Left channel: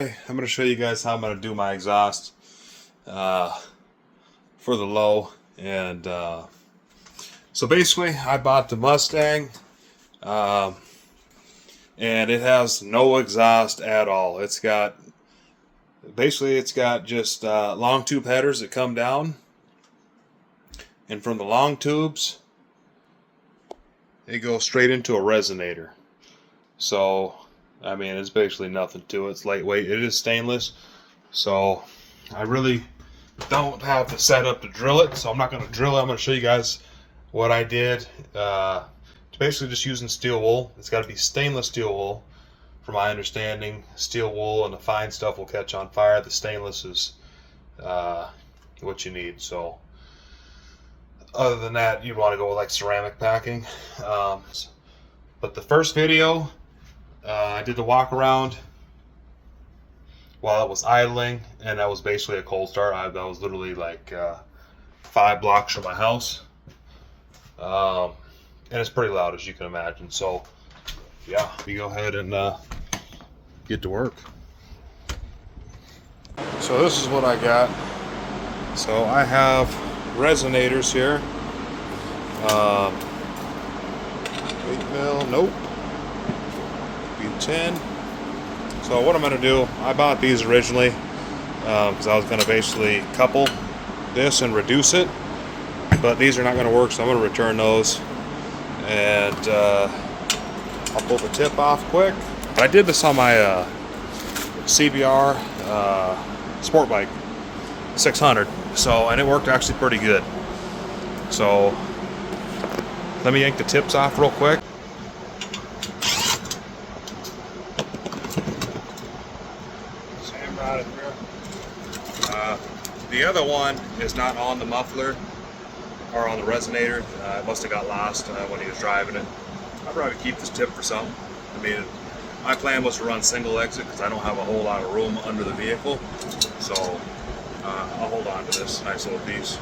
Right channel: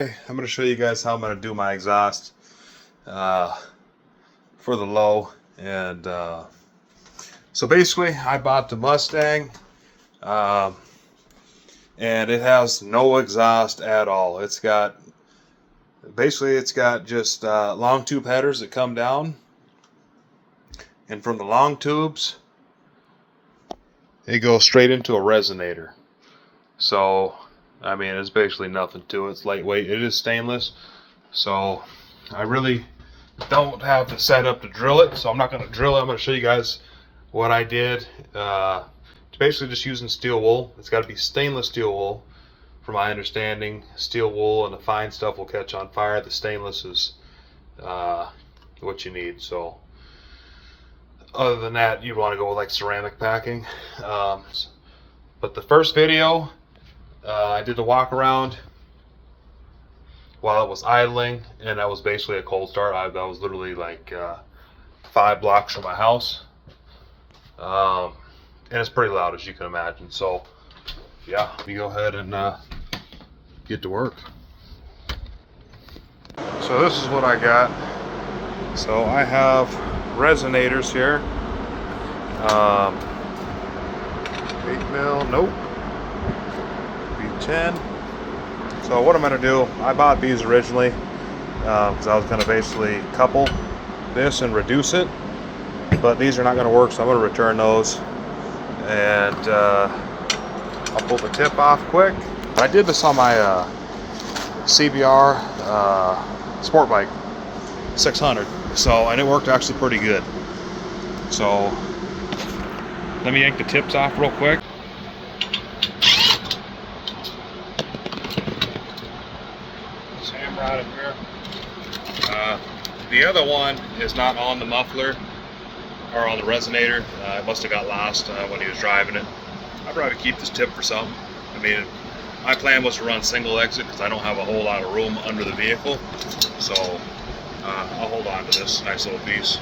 I'm going to show you guys how I'm going to do my exhaust for the low. And so basically I bought the Mustang and it has no exhaust at all. It's got just long tube headers that come down, and from the long tubes it goes straight into a resonator. So I mean, it's basically nothing to it. It's lightweight. It is stainless, so I really don't have the setup to drill it, so I'm not going to drill it. I'm going to show you guys what I did. It's basically just using steel wool. It's got to be stainless steel wool, from my understanding. Steel wool and the fine stuff will catch on fire. The stainless is what you need. So other than that, you want to go with like ceramic packing. But the first video, I did the walk around while it was idling, and that was basically a cold start. I was literally like 5 blocks from my house, and it's pretty loud, as you can imagine. So yeah, we go ahead and get to work. So this is what I got. So I have resonators here. 8 mil, nope. 10. So what I'm going to do, I bought these originally because I was going to basically couple this and reduce it, but these are not going to work, so I'm going to return those. And I'll pull the tip off quick. I did this on my CBR sport bike 600, and it worked actually pretty good. So let me yank the tips off real quick. Out of here. The other one is not on the muffler or on the resonator. It must have got lost when he was driving it. I'll probably keep this tip for something. I mean, my plan was to run single exit because I don't have a whole lot of room under the vehicle. So I'll hold on to this nice little piece.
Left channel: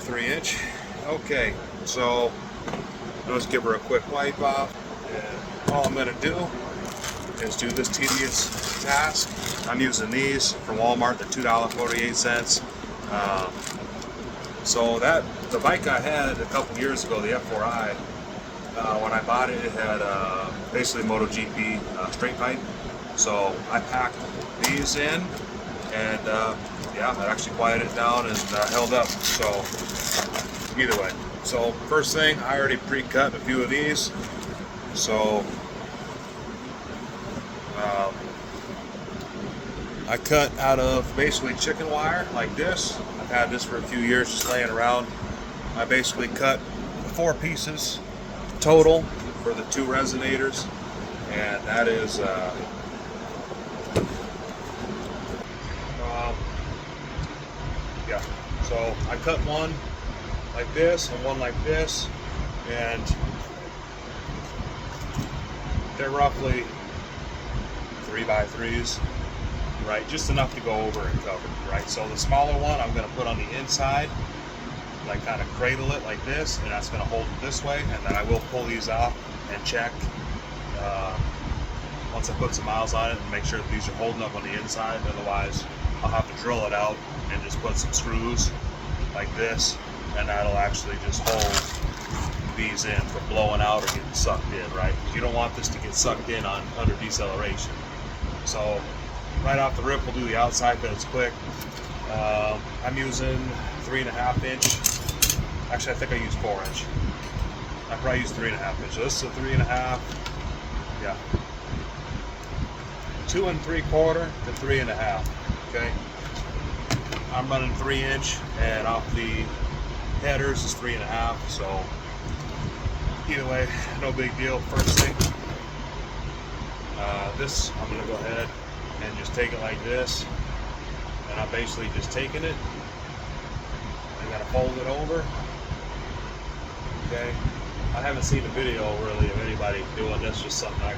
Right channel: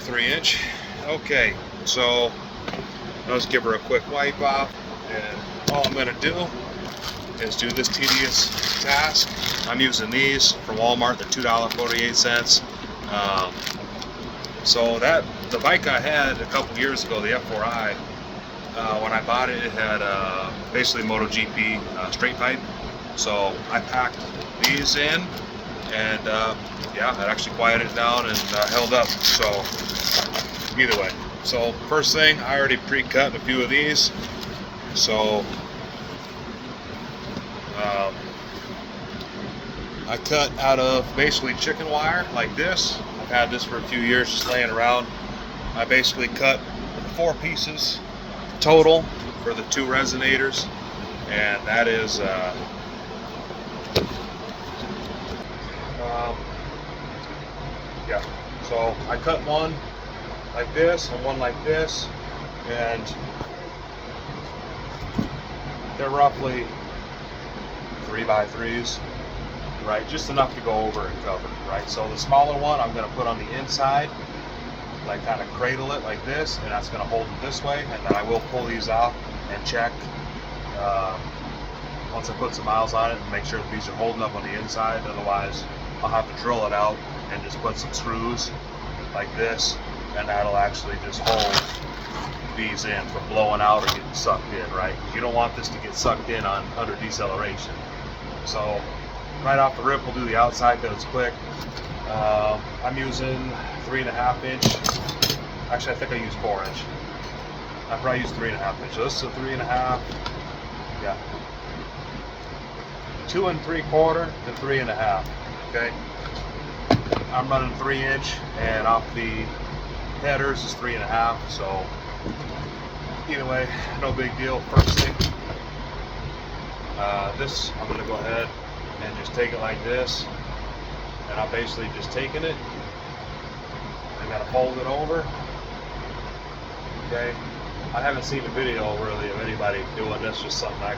3-inch. Okay, so let's give her a quick wipe off. And all I'm going to do is do this tedious task. I'm using these from Walmart. They're $2.48. So the bike I had a couple years ago, the F4i, when I bought it, it had basically MotoGP straight pipe. So I packed these in, and yeah, it actually quieted it down and held up. So either way. So first thing, I already pre-cut a few of these. So I cut out of basically chicken wire like this. I've had this for a few years just laying around. I basically cut 4 pieces total for the 2 resonators, and that is yeah. So I cut one like this and one like this, and they're roughly 3x3s, right? Just enough to go over and cover, right? So the smaller one I'm going to put on the inside, like kind of cradle it like this, and that's going to hold it this way. And then I will pull these out and check once I put some miles on it and make sure that these are holding up on the inside. Otherwise, I'll have to drill it out and just put some screws like this, and that'll actually just hold these in from blowing out or getting sucked in, right? You don't want this to get sucked in under deceleration. So right off the rip, we'll do the outside because it's quick. I'm using 3.5 inch. Actually, I think I used 4 inch. I probably used 3.5 inch. So this is a 3.5. Yeah. 2 3/4 to 3.5. Okay. I'm running 3 inch, and off the headers is 3.5. So either way, no big deal. First thing, this I'm going to go ahead and just take it like this, and I'm basically just taking it. I got to fold it over. Okay, I haven't seen a video really of anybody doing this. Just something I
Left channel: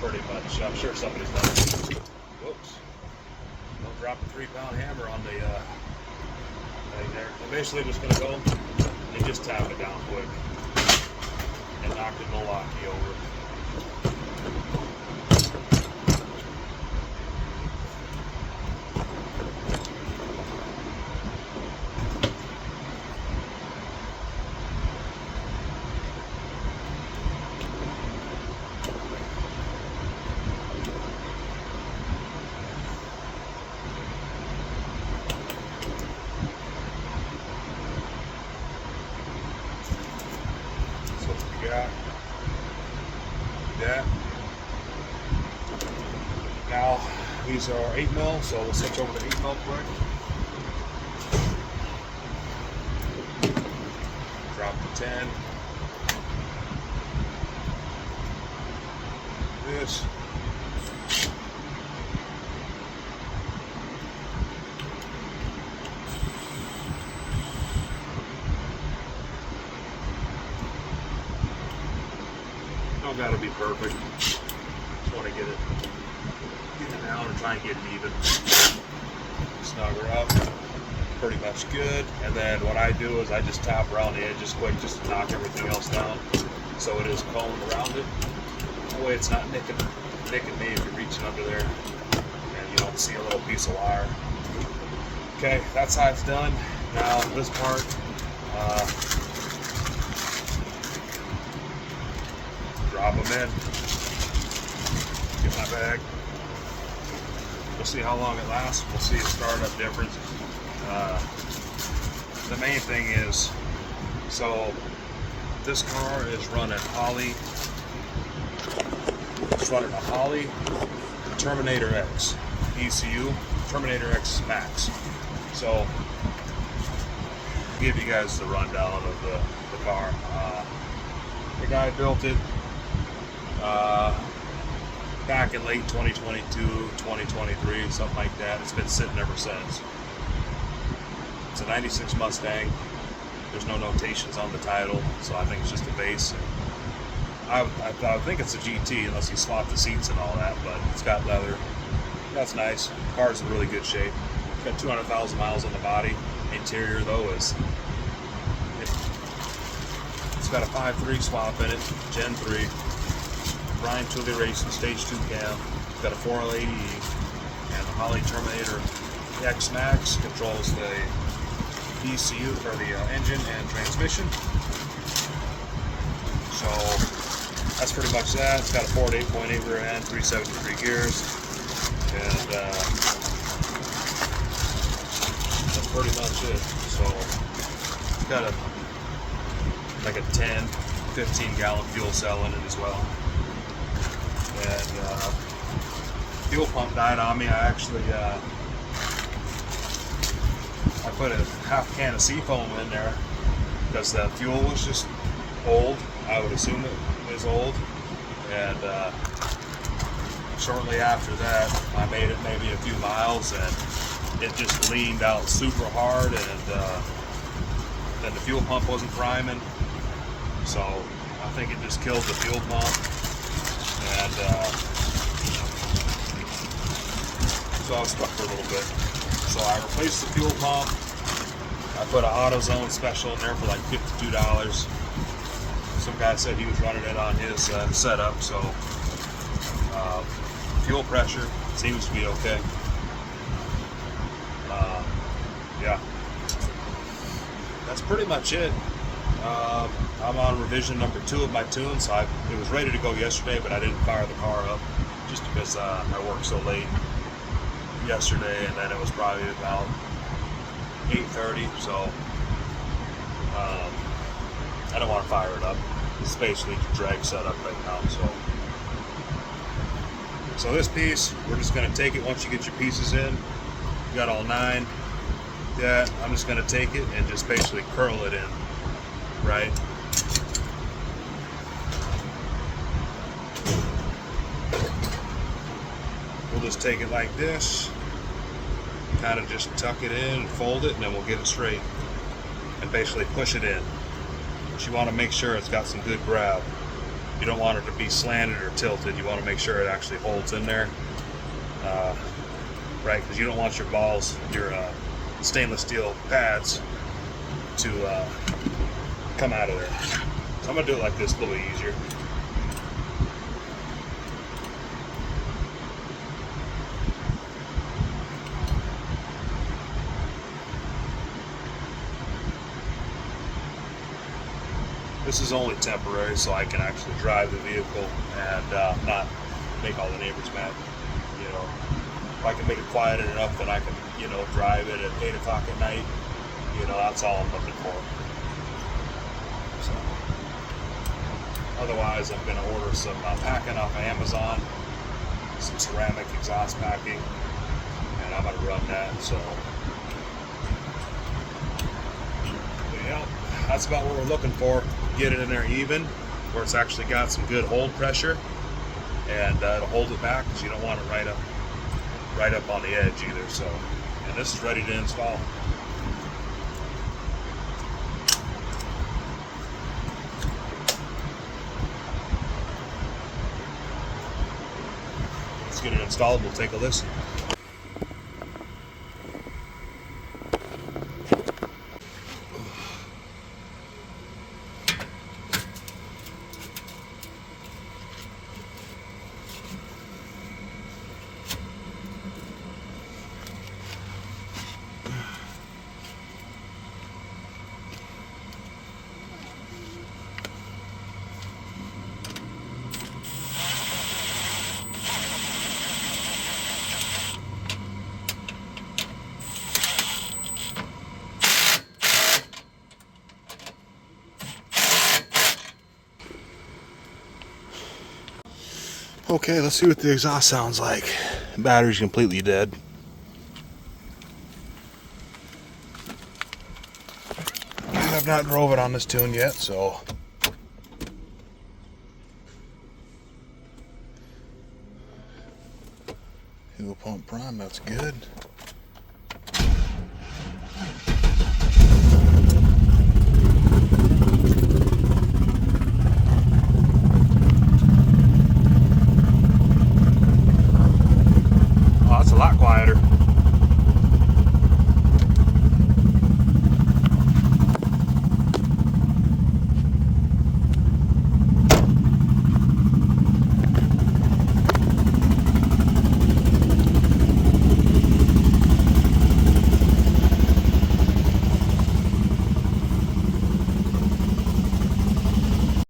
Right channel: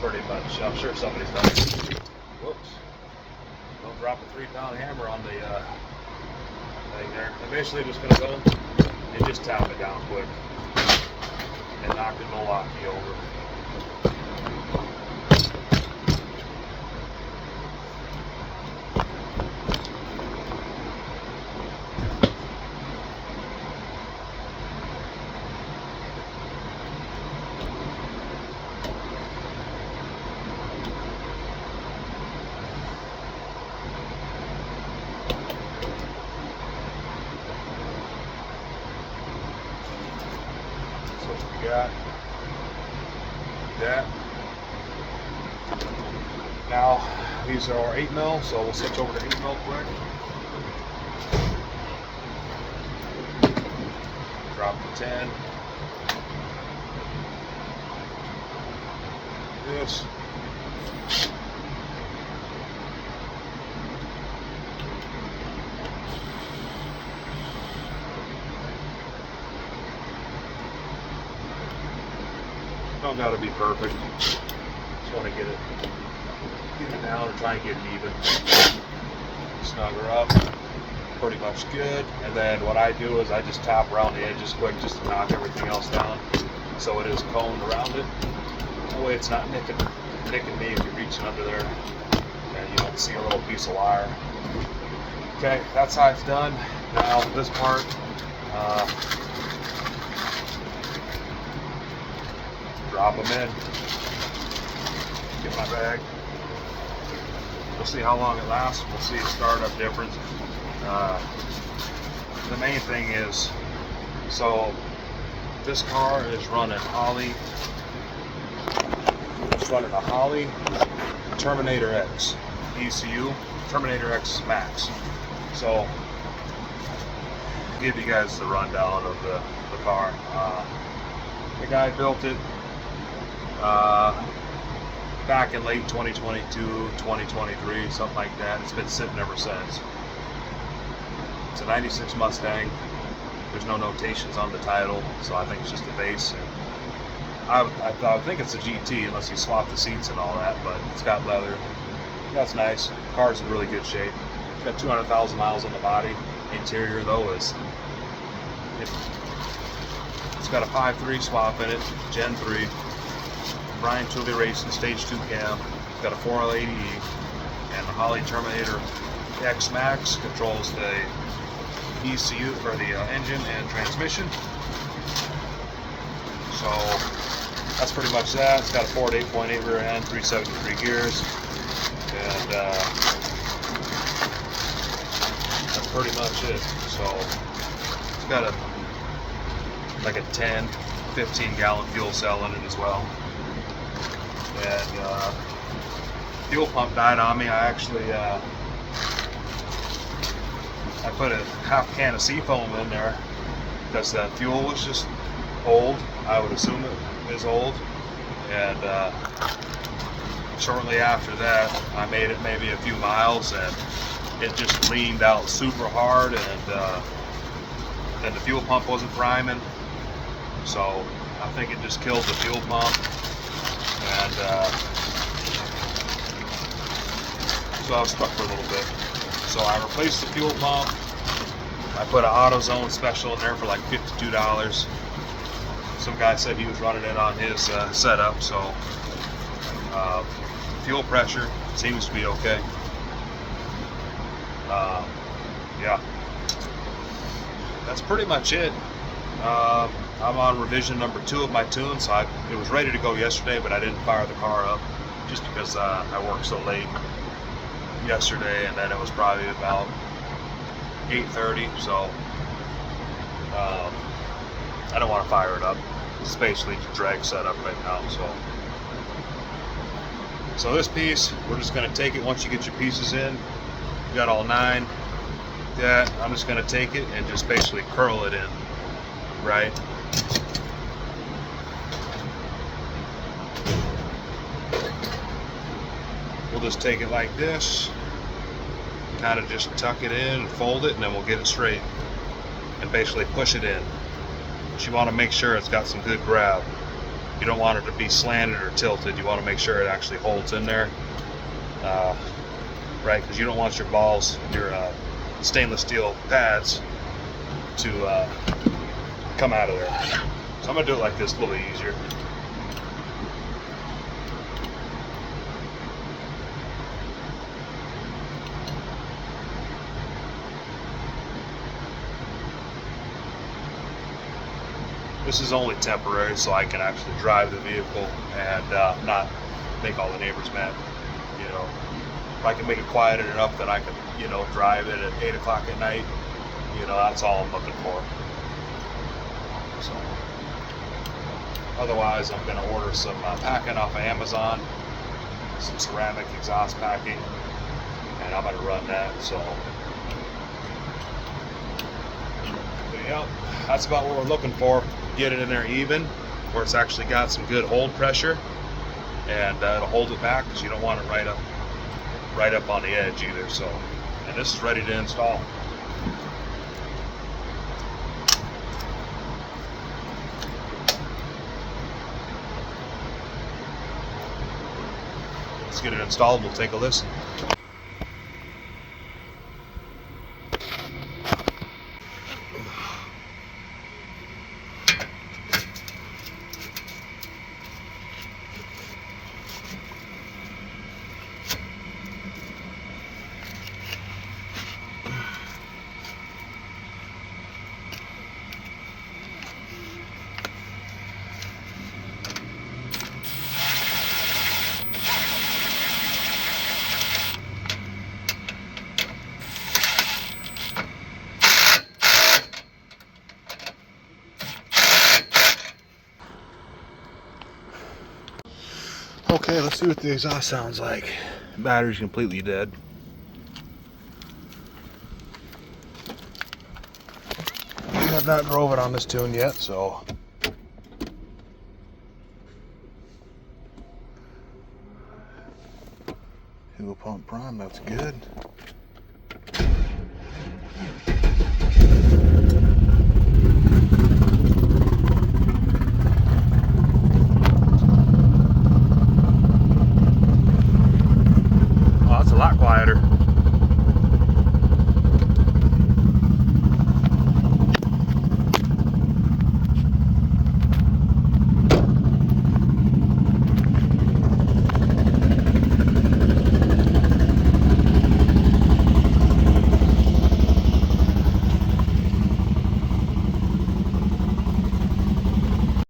pretty much, I'm sure somebody's done it. Whoops! Don't drop a 3-pound hammer on the thing there. I'm basically just going to go and just tap it down quick and knock the bowl off the over. Now, these are 8 mil, so we'll switch over to 8 mil quick. Drop to 10. This. Don't gotta be perfect. Just want to get it down and try and get it even. Snuggle up. Pretty much good. And then what I do is I just top around the edges quick just to knock everything else down. So it is coned around it. That way it's not nicking me if you're reaching under there and you don't see a little piece of wire. Okay, that side's done. Now this part, drop them in. Get my bag. We'll see how long it lasts. We'll see a startup difference. The main thing is, so this car is running Holley. It's running a Holley Terminator X ECU, Terminator X Max. So, I'll give you guys the rundown of the car. The guy built it back in late 2022, 2023, something like that. It's been sitting ever since. It's a 96 Mustang. There's no notations on the title, so I think it's just a base. And I think it's a GT unless you swap the seats and all that, but it's got leather. That's nice. The car's in really good shape. It's got 200,000 miles on the body. The interior, though, it's got a 5.3 swap in it, Gen 3. Brian Chili Racing Stage 2 cam. It's got a 4L80E, and the Holley Terminator X Max controls the ECU for the engine and transmission. So that's pretty much that. It's got a Ford 8.8 rear end, 373 gears, and that's pretty much it. So it's got like a 10, 15 gallon fuel cell in it as well. And fuel pump died on me. I actually I put a half can of Seafoam in there because the fuel was just old. I would assume it is old. And shortly after that, I made it maybe a few miles, and it just leaned out super hard, and the fuel pump wasn't priming. So I think it just killed the fuel pump. And so I was stuck for a little bit. So I replaced the fuel pump. I put an AutoZone special in there for like $52. Some guy said he was running it on his setup, so fuel pressure seems to be okay. Yeah, that's pretty much it. I'm on revision number 2 of my tune, so it was ready to go yesterday, but I didn't fire the car up just because I worked so late yesterday, and then it was probably about 8:30, so I don't want to fire it up. It's basically drag setup right now. So this piece, we're just going to take it once you get your pieces in. You got all 9. Yeah, I'm just going to take it and just basically curl it in, right? We'll just take it like this, kind of just tuck it in and fold it, and then we'll get it straight and basically push it in. But you want to make sure it's got some good grab. You don't want it to be slanted or tilted. You want to make sure it actually holds in there, right? Because you don't want your balls, your stainless steel pads, to come out of there. So I'm going to do it like this, a little easier. This is only temporary, so I can actually drive the vehicle and not make all the neighbors mad. You know, if I can make it quiet enough that I can, drive it at 8 o'clock at night, that's all I'm looking for. So, otherwise, I'm going to order some packing off of Amazon, some ceramic exhaust packing, and I'm gonna run that. So yeah, that's about what we're looking for. Get it in there even, where it's actually got some good hold pressure, and it'll hold it back because you don't want it right up on the edge either. So, and this is ready to install. Let's get it installed. We'll take a listen. Okay, let's see what the exhaust sounds like. Battery's completely dead. I have not drove it on this tune yet, so fuel pump prime, that's good.